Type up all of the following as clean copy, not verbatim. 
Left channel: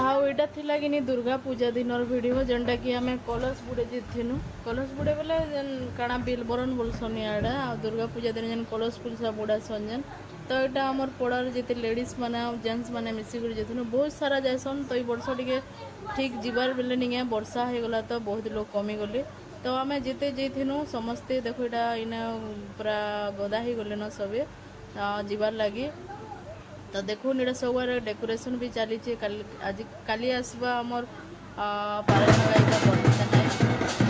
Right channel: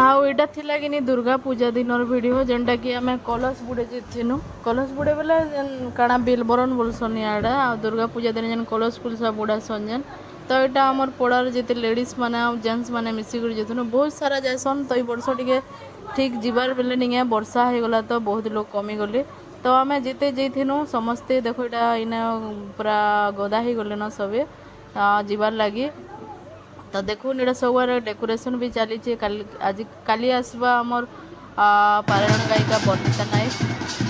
हाँ इटा थिला कि दुर्गा पूजा दिन वीडियो जेनटा कि आम कलश बुड़े जीतनु कलश बुड़े बोले काଣା बिलबरन बोलसन इड़ा दुर्गा पूजा दिन जेन कलश कुलसा बुड़ासन जेन तो यहाँ आम पड़ार जिते लेडीज मैंने जेन्ट्स मैंने मिसिक जीतनु बहुत सारा जासन तो ये वर्ष टे ठीक जीवार बेले नहीं वर्षा हो गला तो बहुत लोग कमी गले तो आम जिते जीथनु समस्ते देखो यहाँ इने पूरा गदा ही गले न सबे जीवार लगी तो देखो इटा सब डेकोरेशन भी चली आज काली आसवा आमर पारायण गायिका बनिता नायक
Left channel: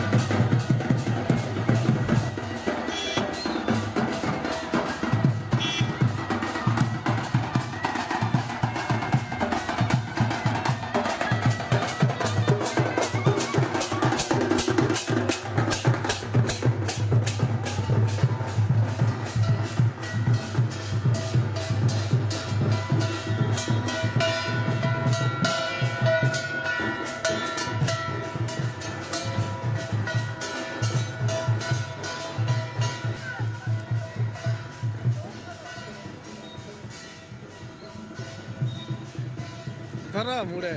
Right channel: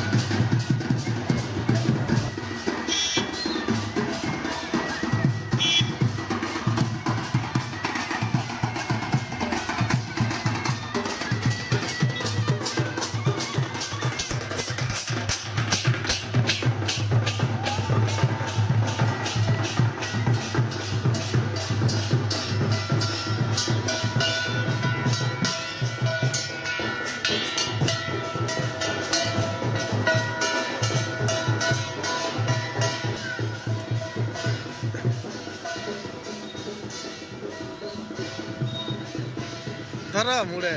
धरा मुड़े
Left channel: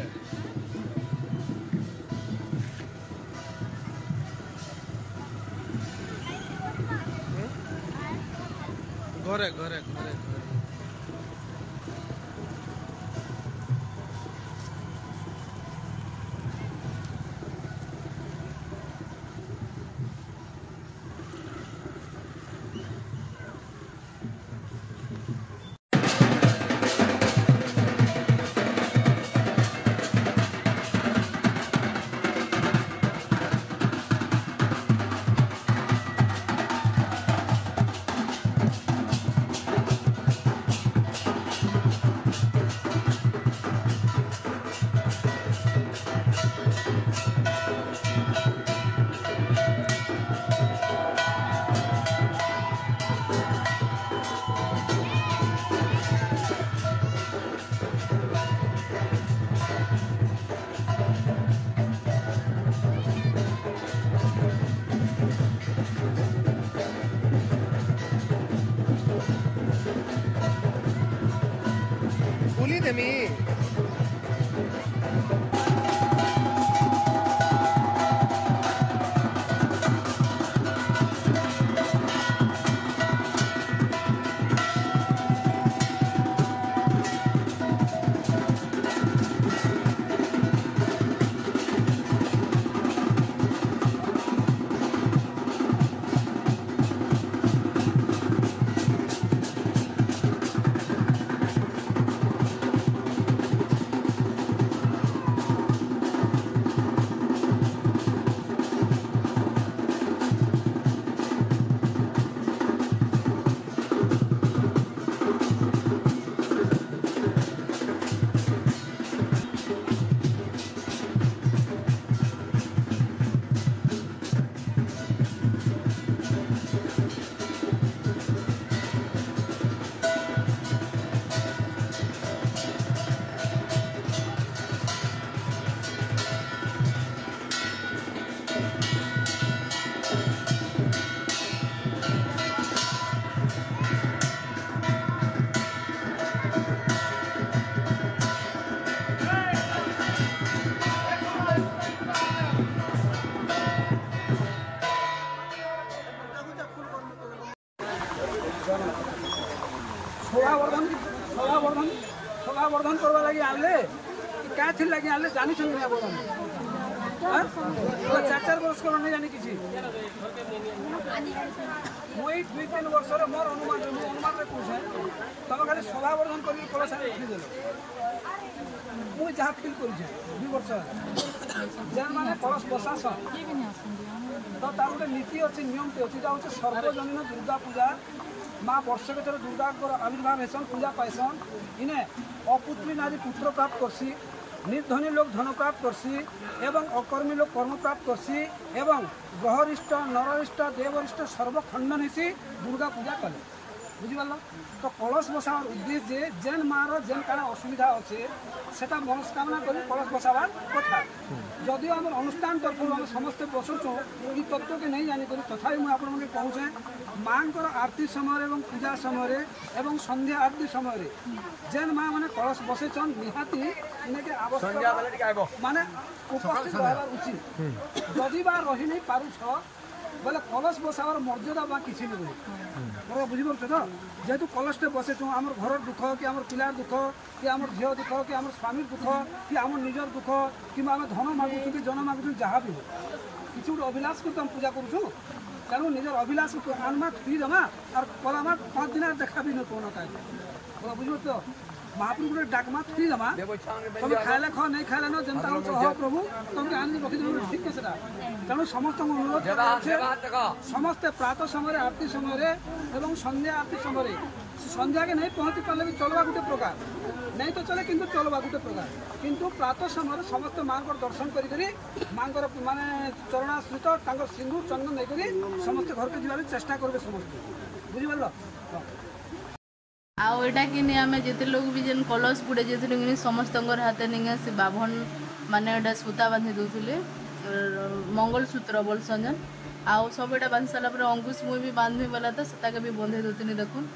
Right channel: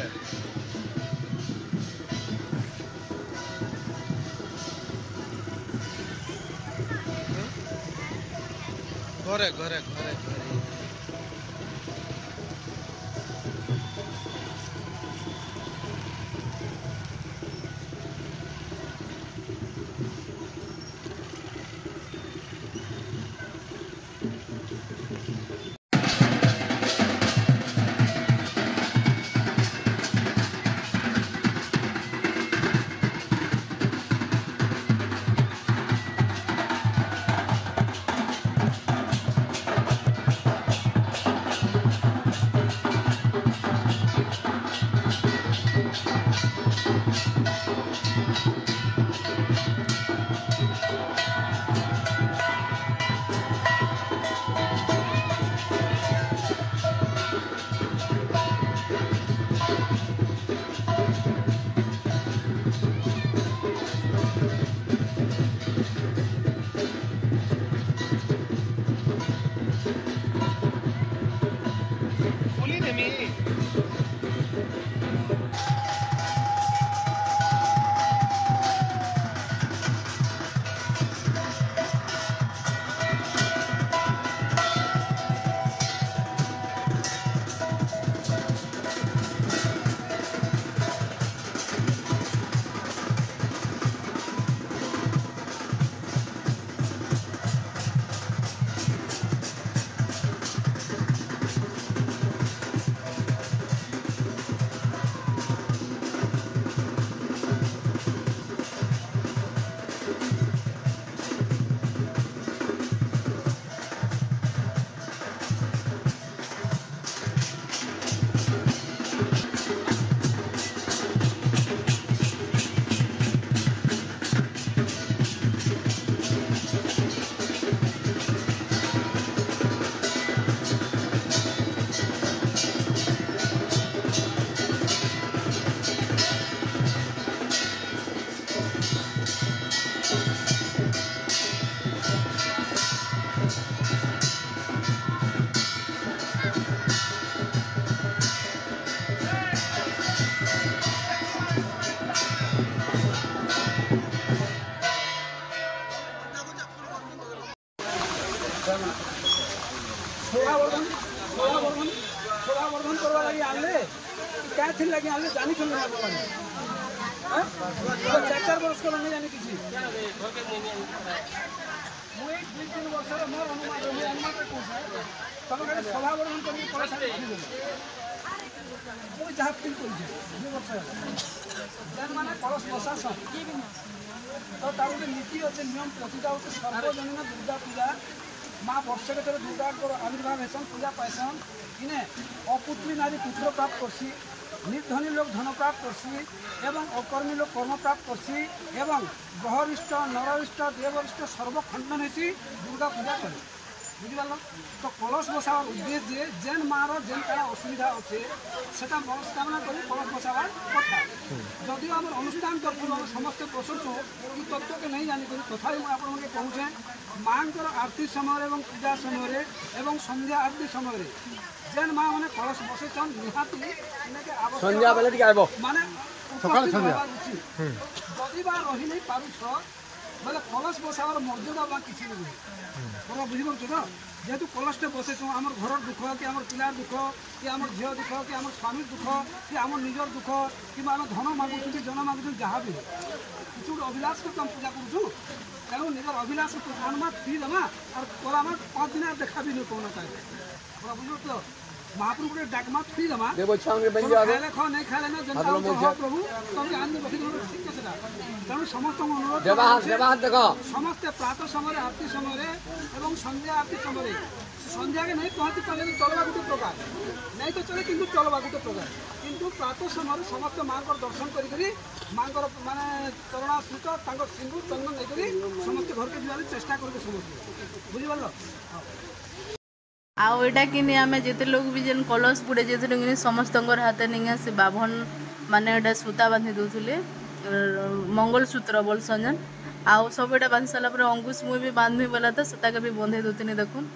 घरे घरे घरे घरे Uli de mí. शोभावर्धन करवा लगी आनले क्या थी लगी आनले जानी चुन ना बोलने हां तो 4 वर्ष को नहीं जानी किसी मुई 2-3 वर्ष रो मोर अनुमान रे पूछ है तब खाली शोभावर्धन करके पड़ा सारे लिखि देलो मुई जहा फील कर जे 2 वर्ष जन माने कलश प्रशासन तो तार गोटे नीति अच्छे नियम अच्छी होते सर्वजनीन दुर्गा पूजा माँ वर्ष के थोड़े दुर्गा आविर्भाव हेसन पूजा पाइसन इने अपुत्री नारी पुत्र प्राप्त करसी निर्धनी लोग धन प्राप्त करसी एवं अकर्मी लोग कर्म प्राप्त करसी एवं ग्रहरिष्ट नररिष्ट देवरिष्ट सर्वखंडन हेसी दुर्गा पूजा कले बुझिपाल तो कलश बसावर उद्देश्य जेन मार जेन काना असुविधा अच्छे सेटा मनस्कामना कर कलश बसावार कथा जदिव आम अनुष्ठान तरफ समस्त बसुचु ये तत्व के नहीं जानिक तथा मुझे कहूँ माँ आरती समय और पूजा समय और संध्या आरती समय जेन माँ मैंने कलश बसैछन निहाती इनके आवश्यक माने उपस्थित रहबार उचित जदि बा रही नहीं पारुछ बोले कलश बसावर मर्यादा बा किछि नहीं रही बड़ा बुझी पारुछ तो जेहेतु कलशटे बसैछु आमर घर दुख कि आमर पिलार दुख कि आमर झील दुख कि आमर स्वामी दुख कि आमर निजर दुख कि आम धन मागुछु कि जन मागुछु जहाँ भी किसी गोटे अभिलाष को आम पूजा करुछु तेणु निजर अभिलाष आनमा थुई देमा और कलामा 5 दिन देखा भी नहीं कौन का बड़ा बुझ तो महाप्रभु गोटे डाकमा थुई देमा तुम खाइले ख नहीं खाइले न जनता हो प्रभु तुमके आनि रखी ठीक है तेणु समस्त अनुरोध समस्ते प्रातः समय आरती समय एवं संध्या आरती समय संध्या के नहीं पहुँची पारे भी चलवा गोटे प्रकार नहीं तो चले किंतु चलवा गोटे प्रकार किंतु प्रातः समय समस्त माँ दर्शन करी माँ माने चरणाश्रित सिंदूर चंदन नहीं समस्त घर के जीवन चेष्टा करेंगे समस्त बुझीपार आउ एटा कि आम जिते लोग भी जेन कलश बुड़े जे समस्त हाथ नहीं से बाभन माने एटा सूता बांधि दूसरे मंगलसूत्र बोलसन जेन आउ सब एटा बांधि सारा पर अंकुश मुई भी बांधि बोला था से भी बंधे दूसरी देखुन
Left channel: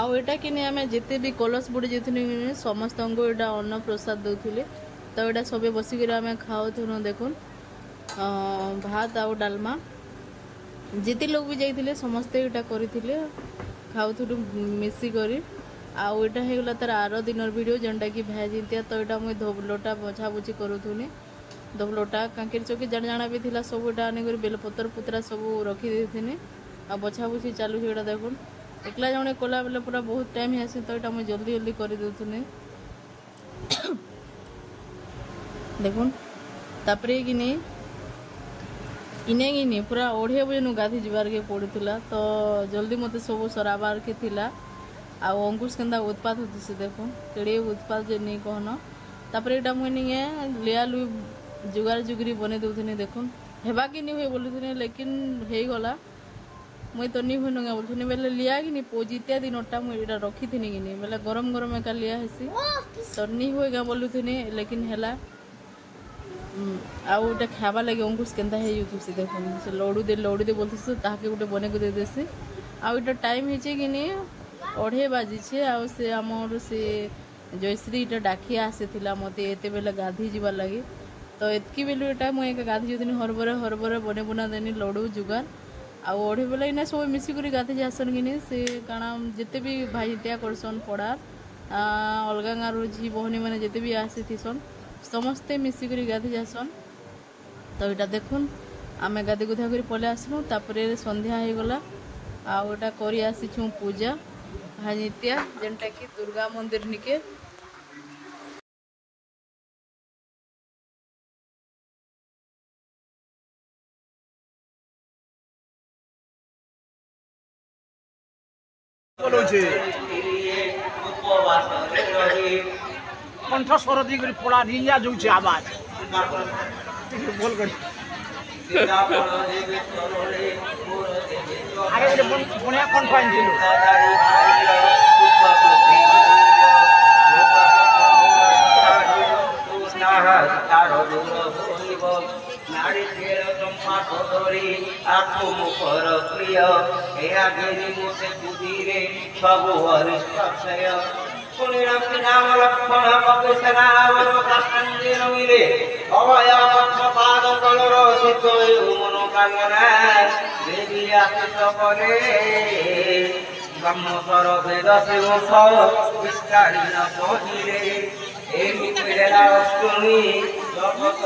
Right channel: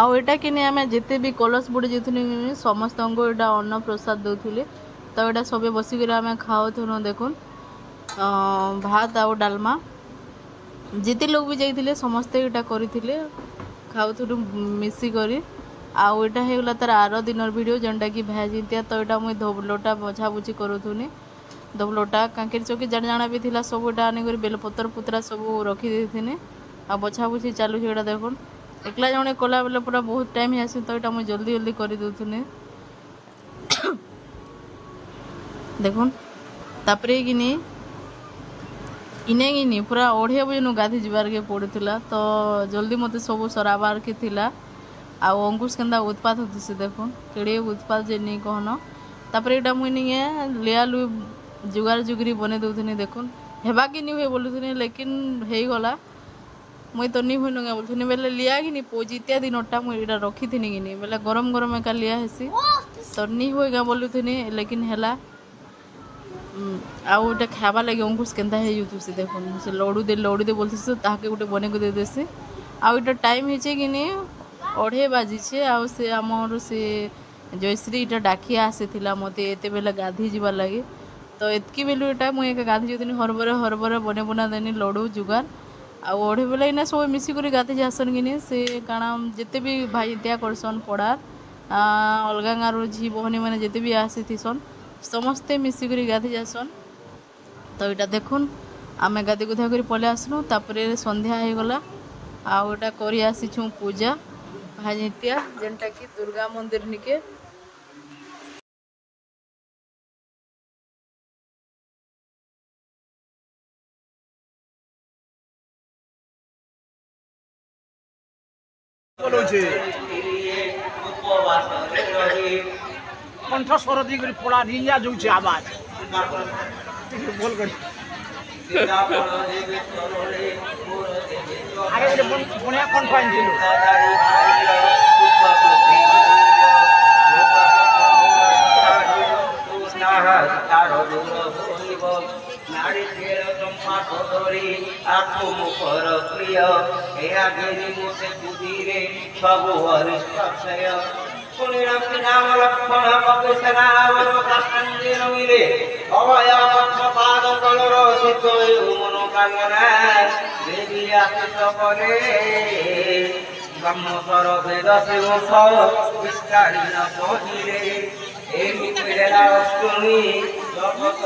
आउ एटा कि आम जिते भी कलश बुड़े जे समस्त को एटा अन्न प्रसाद दौले तो यहाँ सब बसिक आम खाऊ देखुन भात आउ डालमा जिते लोग भी जाइए समस्ते यहाँ करते खाऊ मिसिक आउ यहाँ होगा तार आर दिन वीडियो जेनटा कि भाजिंतिया तो यहाँ मुझे धोबलोटा बछाबुझी करूनी धोबलोटा कांकेर चौकी जाण जाना भी थिला सब यहाँ आनिक बेलपतर पुतरा सब रखी देथिनी आ बछाबुझी चालू यहाँ देखुन एकला जड़े कला बेले पूरा बहुत टाइम ही आसी तो यहाँ मुझे जल्दी जल्दी कर दूनी देखुन तापरे कि नहीं इने कि पूरा 2:30 बजे गाधी जीवार के पड़ूला तो जल्दी मत सब सराबार के थिला आउ अंकुश केन्दा उत्पात होती से देखुन केड़े उत्पात जे नहीं कहन तापर यहाँ मुझे नहीं लिया लु जुगार जुगरी बने दूनी देखुन हेबा कि नहीं हुए बोलुनी लेकिन हो गला मुई तो नहीं हुई नुगे बोलुनी बेले लिया कि नहीं पोजितिया दिनटा मुझे रखी थी कि नहीं बेले गरम गरम एका लिया हेसी तो नहीं हुएगा बोलुनी लेकिन है आउ गोटे खावा लगे अंकुश केन्ता हो से देखुन से लड़ू दे बोलते ताके गोटे बने को दे देसी आउ इटा टाइम है कि नहीं 2:30 बाजी आउ से आमर से जयश्री इटा डाकिया आसी मत एत बेले गाधी जीवार लगे तो एतकी बेलू यहाँ मुझे गाधी जाती हरबर बने बना देनी लड़ू जुगार आउ 2:30 बेले इना सब मिसिक गाधी जासन कि नहीं से कारण जिते भी भाई त्या करसन पड़ार अलगा गाँव झी बहनी मैंने जिते भी आसी थीसन समस्ते मिसिक गाधी जासन तो यहाँ देखुन आम गाधी गुधा कर पलि आसलु तापर संध्या हो गला आउ यहाँ कर आसीछू पूजा भाजित्या जेनटा कि दुर्गा मंदिर निके कंठ स्वर दी पड़ा रिया जो आवाज बोल कर आगे बढ़िया कंठ नारी आत्मुखर प्रिय मुझे बुद्धि सब हरिष्ठय सुनिराम नाम लक्ष्मण मिले अभय पाद तलर शीत मनोकामना देवी आशिष करे ब्रह्मस्वर वेद मुख विस्तारी न पहिले अष्टमी जगत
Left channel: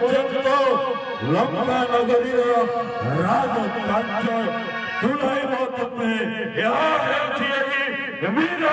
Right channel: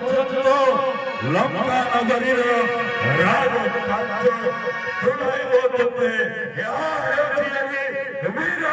ପର୍ଯ୍ୟନ୍ତ ଲଙ୍କା ନଗରୀର ରାଜ କାର୍ଯ୍ୟ ଶୁଣାଇବ ତୋତେ। ଏହା ହେଉଛି ଏହି ବୀର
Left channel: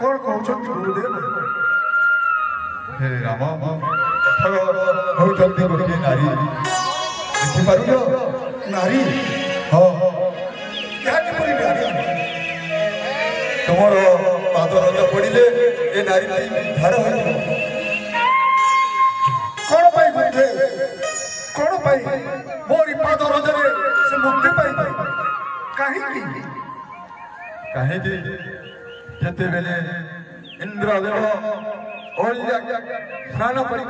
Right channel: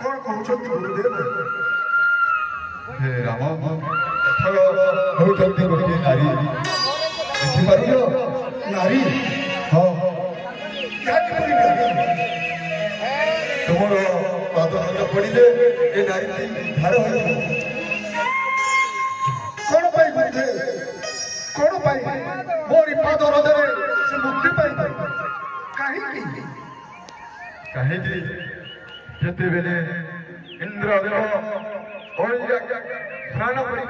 कौन कहते गुरुदेव हे राम होती गोटे नारी देखिपार नारी हाँ तुम पाद हाथ पड़े ये नारी धार कौन बुद्धे कौन मोरी पाद रथरे से मुक्ति पाई कहीं जितेबले इंद्रदेव स्नान करने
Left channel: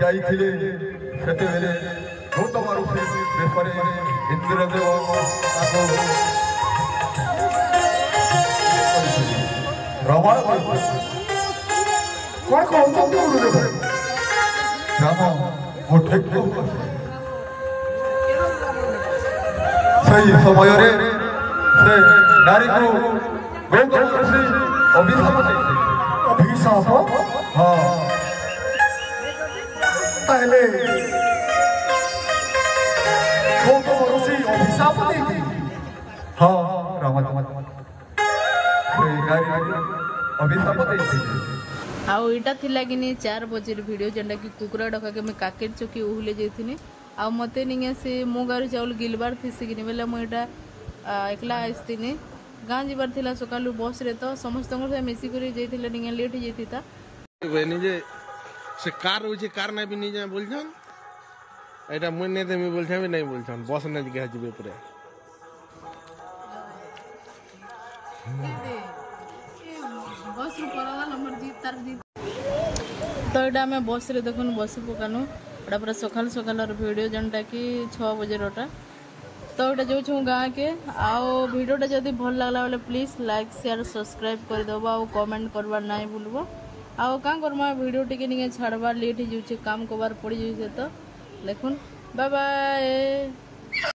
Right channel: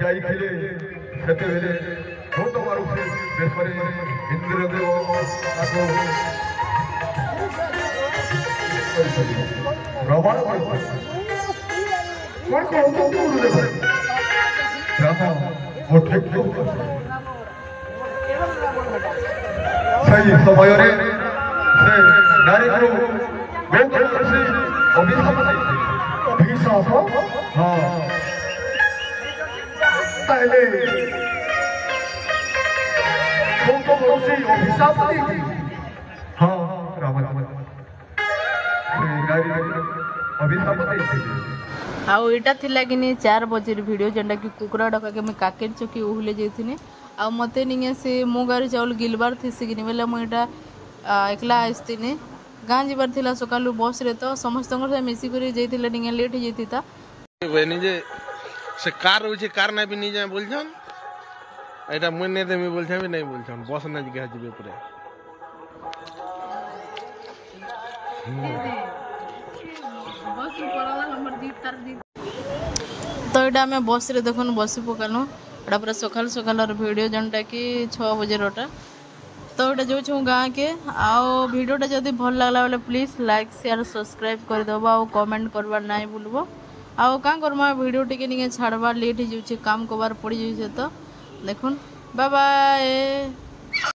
जाते गौतम ऋषि बेशरे इंद्रदेव रावण राम सही समय से नारी को गौतम ऋषि अभिशाप हाँ पहले गौतम ऋषि अभिशाप हाँ रावण अभिशाप आउ इटा थिला कि 4 बजे वीडियो जेंटा कि कुकुरा डका के मैं काकेट चौकी उहले जाइथिनी आ मते निगे से मो गारे चाउल गिलबार थिसी कि बेला मु इटा एकला आस्तिनी गाँ जीवार थिला सकालू बस रे तो समस्त मिसी कर जाइथिले निगे लेट हो जाइथिता निजे से कार होचे कार ना भी नहीं जाए बोलछन एटा मुई ने देमी बोलछन भी नहीं बोलछन बस ना जगह जिबे परे बस पड़वा नंबर जीत तार जीत तो एटा मैं बस रे देखन बसी पकानो एटा पूरा सकाल सकाल वीडियो जनटा कि 6 बजे रोटा तो एटा जो छु गाँ के आओ वीडियोटा जदि भल लागला बेले प्लीज लाइक शेयर सब्सक्राइब कर देबो आ कमेंट करबा नहीं भूलबो आओ का करबा वीडियो टिके निके छाड़बा लेट हो जाउछे काम कोबार पड़ी जाउछे तो देखुन बाय बाय।